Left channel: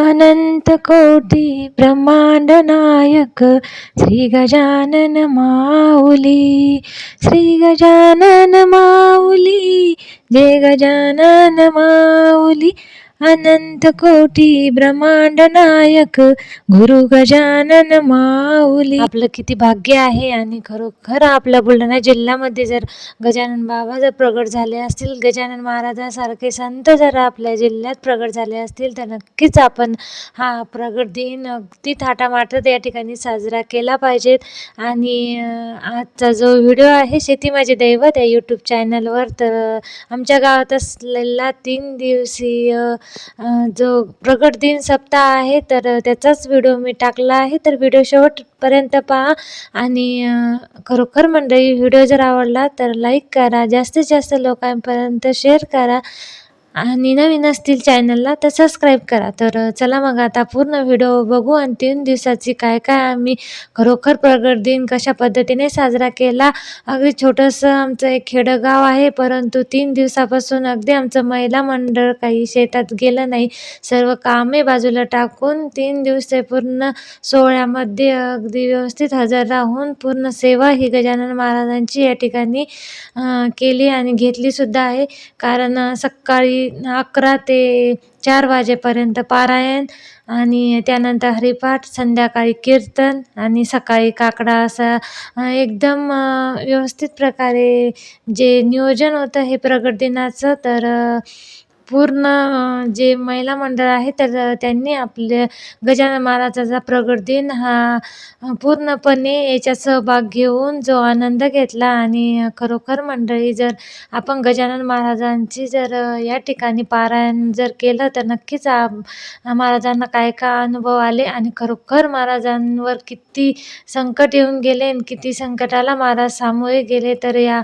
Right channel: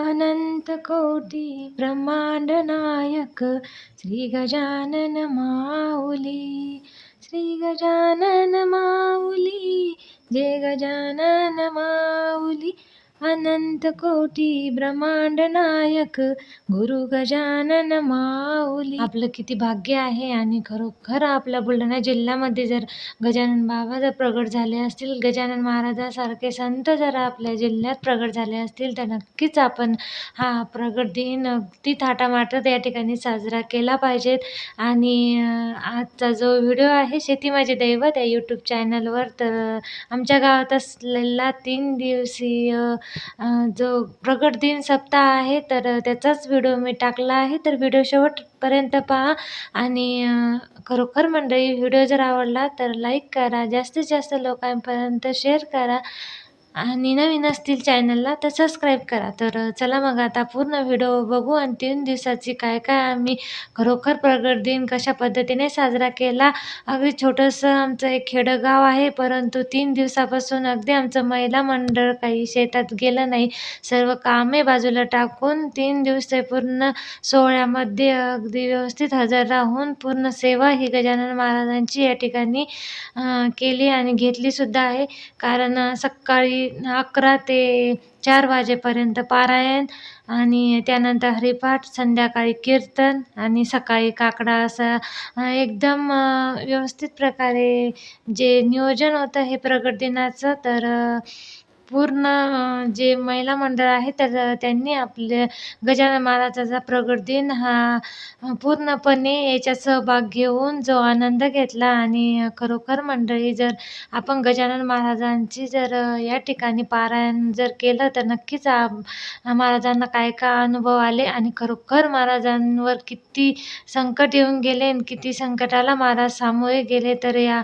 अनंत कोटी ब्रह्मांड नायक श्री गजानन माऊली, श्री गजानन माऊली, जय गजानन माऊली. अनंत कोटी ब्रह्मांड नायक गुरु गजानन माऊली. आपलं किती भाग्य आहे आणि खरोखर आपल्या बुलढाणा जिल्ह्यामध्ये जर गजानन बाबा जर प्रगट झाले असतील, गजानन महाराजासारखे संत जर आपल्या जिल्ह्यात प्रगट झाले असतील, तर नक्कीच आपण हा प्रगट दिन अगदी थाटामाटात या ठिकाणी साजरा केला पाहिजेत. आणि आजचा जो व्हिडिओ आहे शेती माझे दैवत या यूट्यूब चॅनलवर, तर आमच्या गावात असलेला 3 दिवसीय जो प्रगट दिन सप्ताह आहे, तर त्याचाच व्हिडिओ मी टाकला आहे. तर व्हिडिओ शेवटपर्यंत पहा. आणि खरोखर मंडळी, व्हिडिओ जर आवडला तर लाईक करा, जास्तीत जास्त लोकांपर्यंत शेअर करा आणि नवीन असतील चॅनलला तर सबस्क्राईब करा. तर चला मग आता पूर्ण व्हिडिओ बघू आणि 3 दिवसाची काय काय आम्ही खरोखर प्रगट दिन कशा पद्धतीने साजरा केला. अगदी छोटंसं आमचं एक खेडगाव आहे, परंतु 3 दिवसापासून अगदी आमचं महिला मंडळ काही शेतात गेलं नाही. सर्व कामे बाजूला टाकून 3 दिवस पूर्ण सोहळ्यामध्ये अगदी व्यवस्थित हजर राहून पूर्ण सेवा ही गजानन महाराजांची या ठिकाणी केली आणि घेतली सुद्धा आहे. कारण सकाळी 11 ते 4 वाजेपर्यंत पारायण आणि त्यानंतर हरिपाठ, संध्याकाळी कीर्तन आणि सकाळी काकडा, असा एकदम व्यवस्थित प्रकारे जे नियोजन होतं हे प्रगट दिनाचं. तर पूर्ण जे महिला मंडळ आहे तर त्यांनी आपल्या गजानन महाराजाचा प्रगट दिन हा पूर्णपणे याच्यात सहभाग घेऊन जो आनंद घेतला. आणि खरोखर मंडळी, जर आपण गजानन महाराजांची जर या ठिकाणी पारायण जर केलं तर नक्कीच महाराजांना काय काय अनुभव आले आणि खरोखर महाराजांवर किती संकट येऊन गेले आणि किती संकटाला महाराज सामोरे गेले. तर या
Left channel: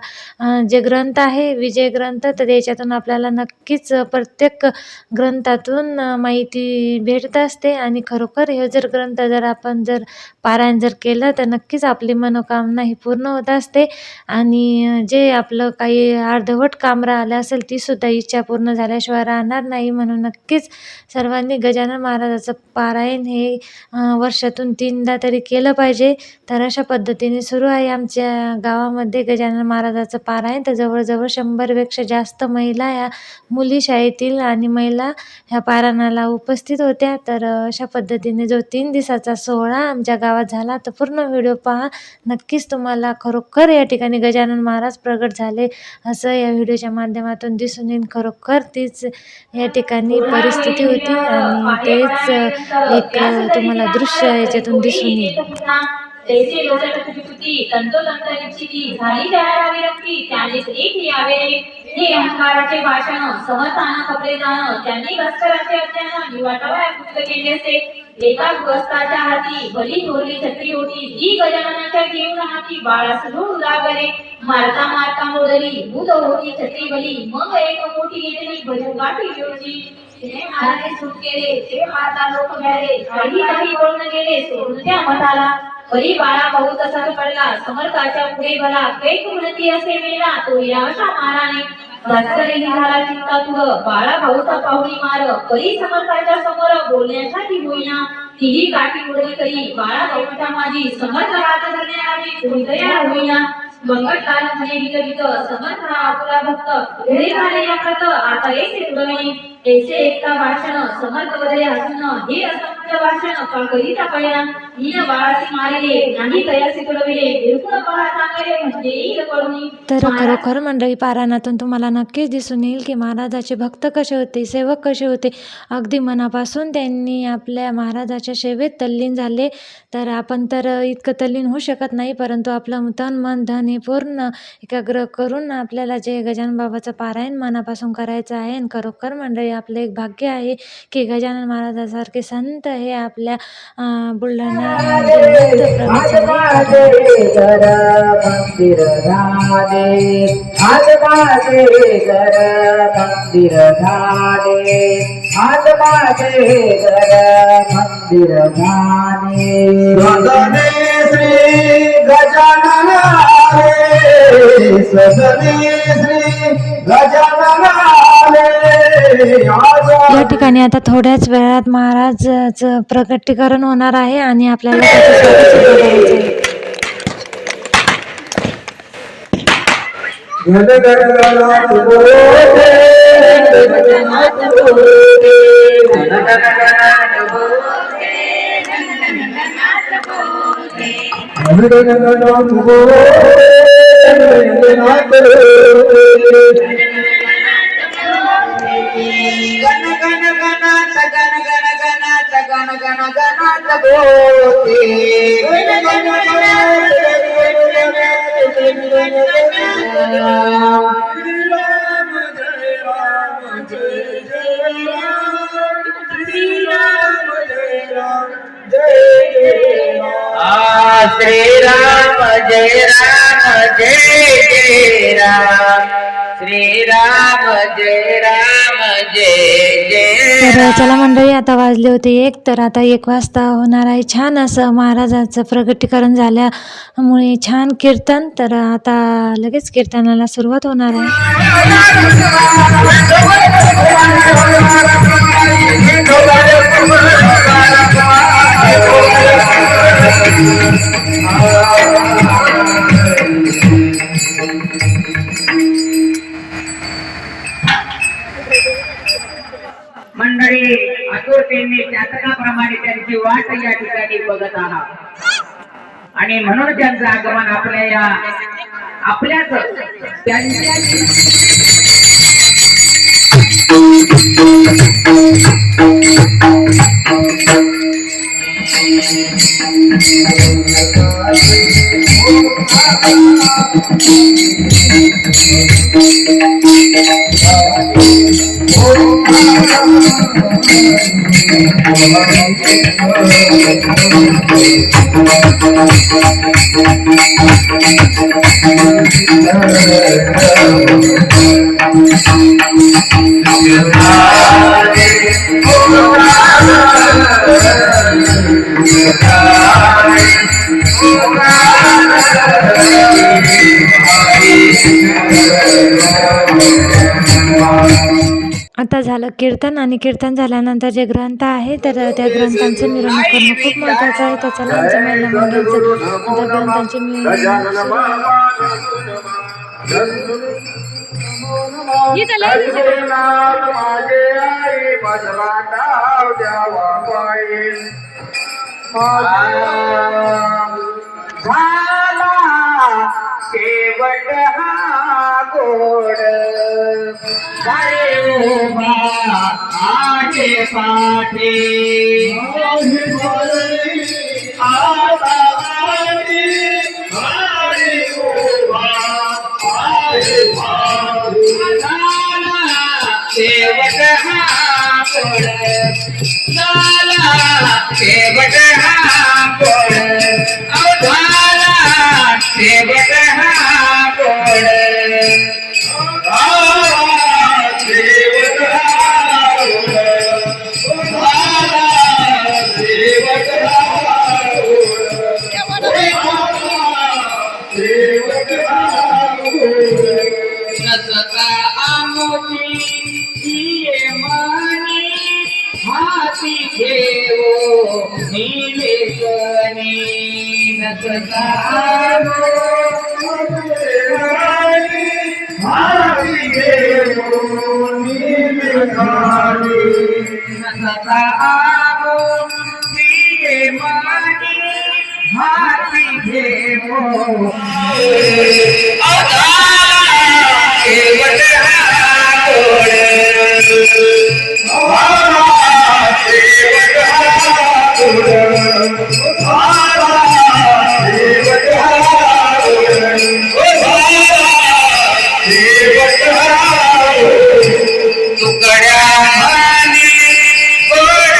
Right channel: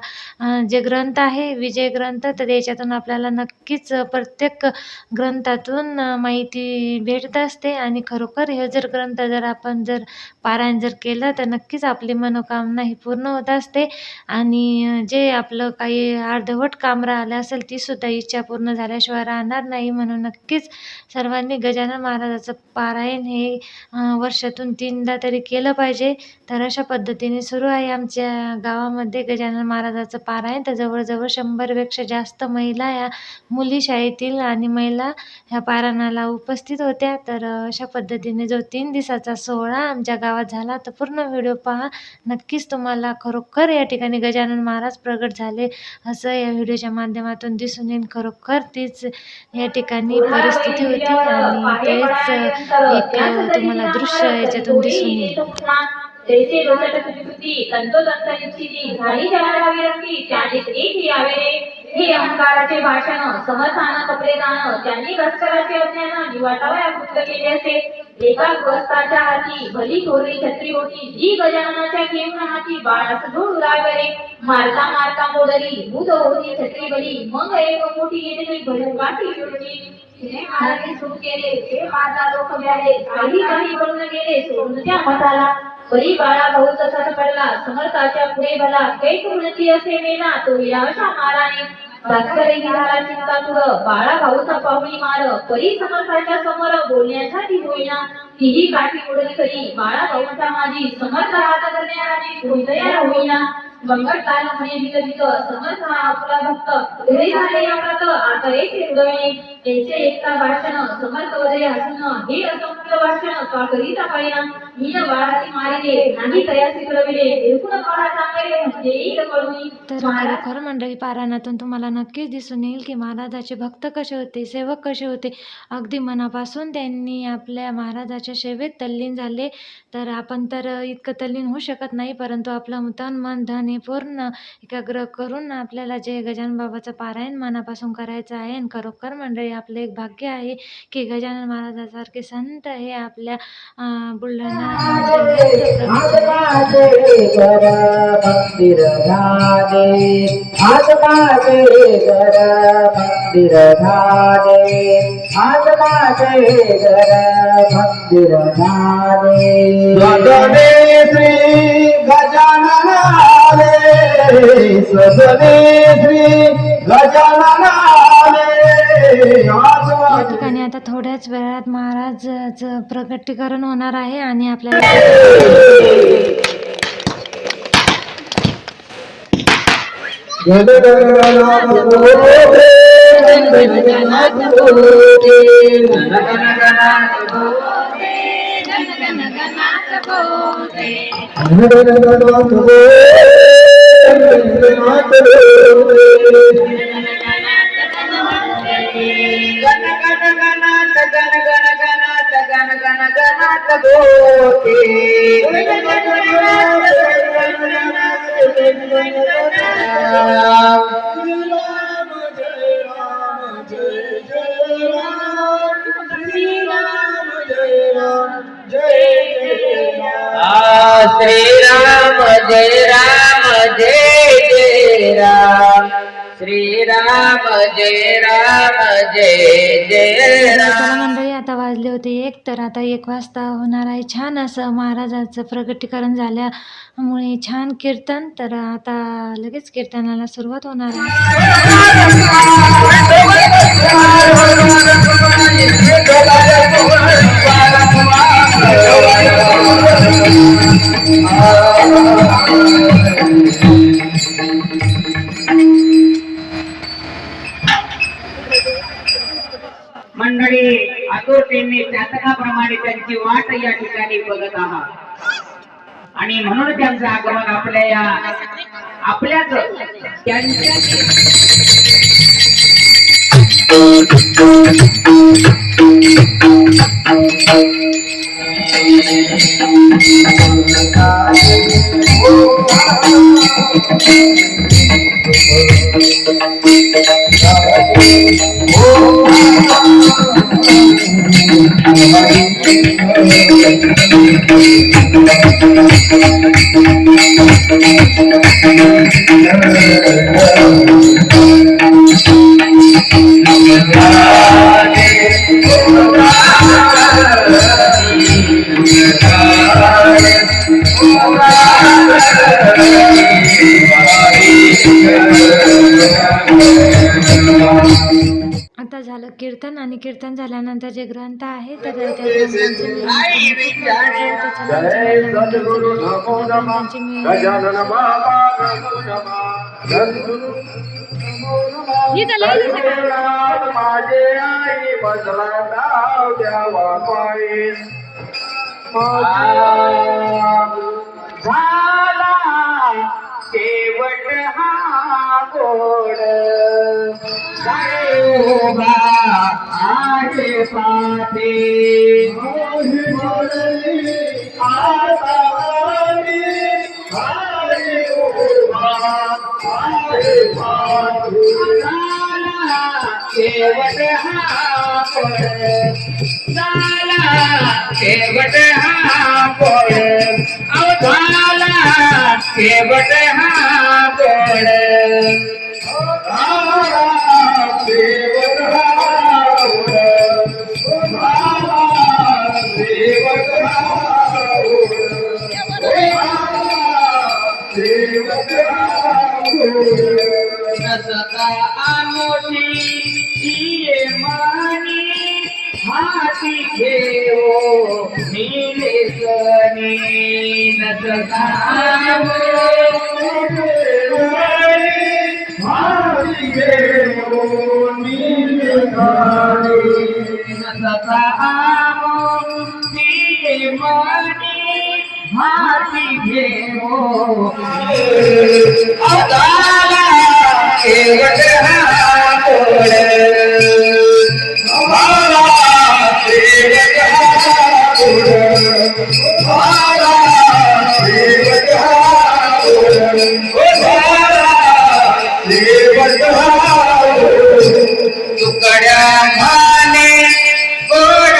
जे ग्रंथ आहे विजय ग्रंथ, तर याच्यातून आपल्याला नक्कीच प्रत्येक ग्रंथातून माहिती भेटत असते. आणि खरोखर हे जर ग्रंथ जर आपण जर पारायण जर केलं तर नक्कीच आपली मनोकामना ही पूर्ण होत असते. आणि जे आपलं काही अर्धवट काम राहिलं असेल ती सुद्धा इच्छा पूर्ण झाल्याशिवाय राहणार नाही. म्हणून नक्कीच सर्वांनी गजानन महाराजाचं पारायण हे वर्षातून 3दा तरी केलं पाहिजे. तर अशा पद्धतीने सुरू आहे आमच्या गावामध्ये गजानन महाराजाचं पारायण. तर जवळजवळ 100पेक्षा जास्त महिला या मुली शाळेतील आणि महिला ह्या पारायणाला उपस्थित होत्या. तर अशा पद्धतीने जो 3 दिवसाचा सोहळा आमच्या गावात झाला, तर पूर्ण व्हिडिओ पहा. नक्कीच तुम्हाला खरोखर या ठिकाणी गजानन महाराज प्रगट झाले असं या व्हिडिओच्या माध्यमातून दिसून येईल. खरोखर तीच या ठिकाणी परिस्थिती होती आणि तेच एक तुम्हाला दृश्य याच्यातून दिसून येईल. जैसे लोचट तुझी तुझी तंतोतंत निश्चिती झाली जनाला विरक्ती त्यानेच एक यावे हे अहंकाराचे भाषण समर्थाना कपडे जाणं त्यांनी लष्कराचे अज्ञान निवाटावया गुप्त केले असते. एका गृहस्थाच्या हाती भली थोरली छत्री होती जी गजाननाच्या घेऊन हाती बाळास धूळ उडावले मारता मारता मोडली भूत होती छत्री भली मग एक मोठी येते भरून गाठी विरोची तिने महाराज सुरू केले ते मारता लोक घ्याले काही पळून गेले सोडून त्या मठाला परी बाळा भाऊ तसाच पडला समर्थाच्या पुढे भला कैक उन्नती असे मेला तो या अशा माराने भास्करही झाला चिंता तुझ बाळा भाऊचा पाहुणी मार परी समर्थाच्या समोर बोलण्यासाठी होईना तीही काठी उडली करी बाळा भाऊच्या माझी समर्थ हात धरण्याआधी कोणतया होईना बंगट लाल म्हणे विकविक समर्थ हा आपला भक्त घरी झाले या प्रत आता येथे उडवणे ऐसे एकता भाषण समर्थ वदे हसन हे असंख्य भाषण का करीता पाहिना मीन बाळासी मारिले नाही तयासी तुडविले बिलकुल पहा चांगले म्हणजे येईल कळून. तर खरोखर मंडळी, पारायणातून तुम्हाला नक्कीच दिसून येईल की महाराजाचे भक्त कसे होते, सेवक कसे होते. अगदी मनापासून त्यांनी आपल्या महाराजाच्या सेवेत तल्लीन झाले. तर आपण तर इतकं तल्लीन होऊ शकत नाही, परंतु आपलं तन मन धन हे पूर्ण एकाग्र करून आपल्याला जे गजानन बाबाचं पारायण मनापासून करायचं आहे. आणि खरोखर मंडळी, आपलं एक भाग्य आहे की गजानन महाराजासारखे संत हे आपल्या बुलढाणा जिल्ह्यात प्रगट झाले. श्री गजानन या ठिकाणी आता थोड्याच वेळात महाराजाचं प्रकटीकरण होणार आहे आणि आपल्याला त्याचं स्वागत सुद्धा करायचं आहे. गणगणनाथ बोले, गणगणनाथ बोले, गणगणनाथ बोले, गणगणनाथ बोले, गणगणनाथ बोले, गणगणनाथ श्री राम जय राम जय जय राम, श्री राम जय राम जय जय तर चला मंडळी, आता वाजले होते 1, तर आता 1 वाजता होणार आहे छान असं महाराजाचं प्रकटीकरण झाल्यामुळे छान कीर्तन. तर आता लगेच कीर्तनाला सुरुवात होणार आहे. मंडळी आतुरतेने चातकाप्रमाणे त्यांची वाट या ठिकाणी बघत आहात आणि म्हणून त्यांचं आगमन आपल्याच त्यांच्या आता झालं कीर्तन आणि कीर्तन झाल्यानंतर जे ग्रंथ आहे तर त्या ग्रंथांचं मिरवणूक करणं खूप महत्त्वाचं आहे. तर चला आमच्या महिला मंडळाचं आता ग्रंथांची शेवट हा गोड आजे पाठे शेवट हा गोड शेवट हा गोड शेवट हा गोड नसता आमोची मानी हाती घेओ नीले सनी नसता हाती घेओ नीले सनी नसता आमोची मानी हाती घेओ शेवट हा गोड शेवट हा गोड शेवट हा गोड शेवट हा तुकड्या माने गोड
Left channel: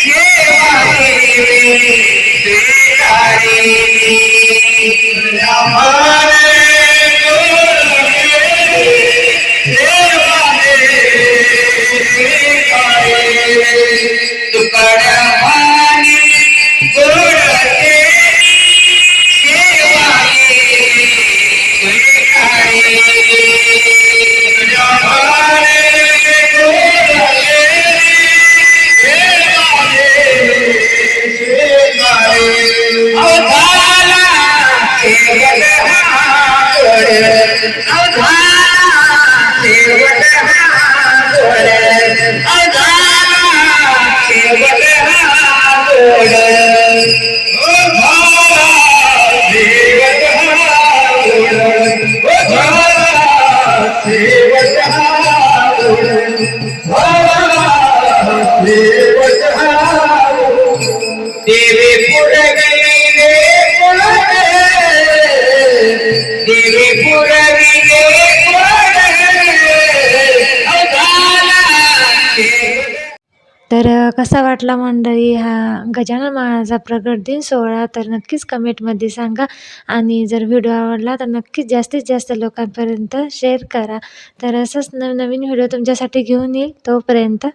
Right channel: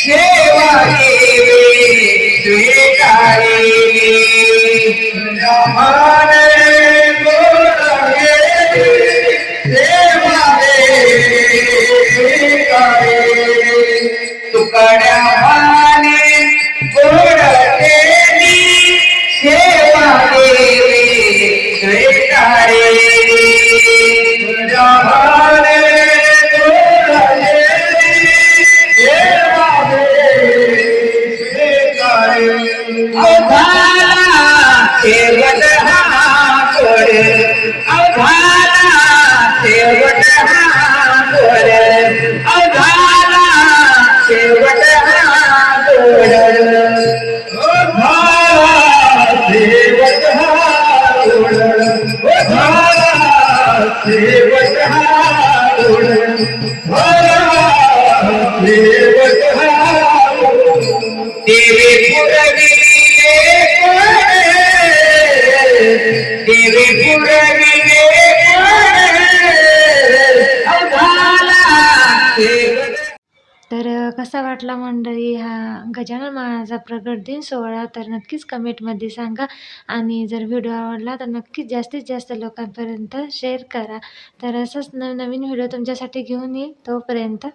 सेवा स्वीकारेली तुकड्या माने गोड केली सेवा स्वीकारेली तुझ्या भाने गोड देवत हाव देवी पुरविले कोण देवी पुरविले कोण अवघाला देव तर कसा वाटला मंडळी हा गजानन महाराजांचा प्रगट दिन सोहळा, तर नक्कीच कमेंटमध्ये सांगा. आणि जर व्हिडिओ आवडला तर नक्कीच जास्तीत जास्त लोकांपर्यंत शेअर करा. तर असंच नवनवीन व्हिडिओ तुमच्यासाठी घेऊन येईल. तोपर्यंत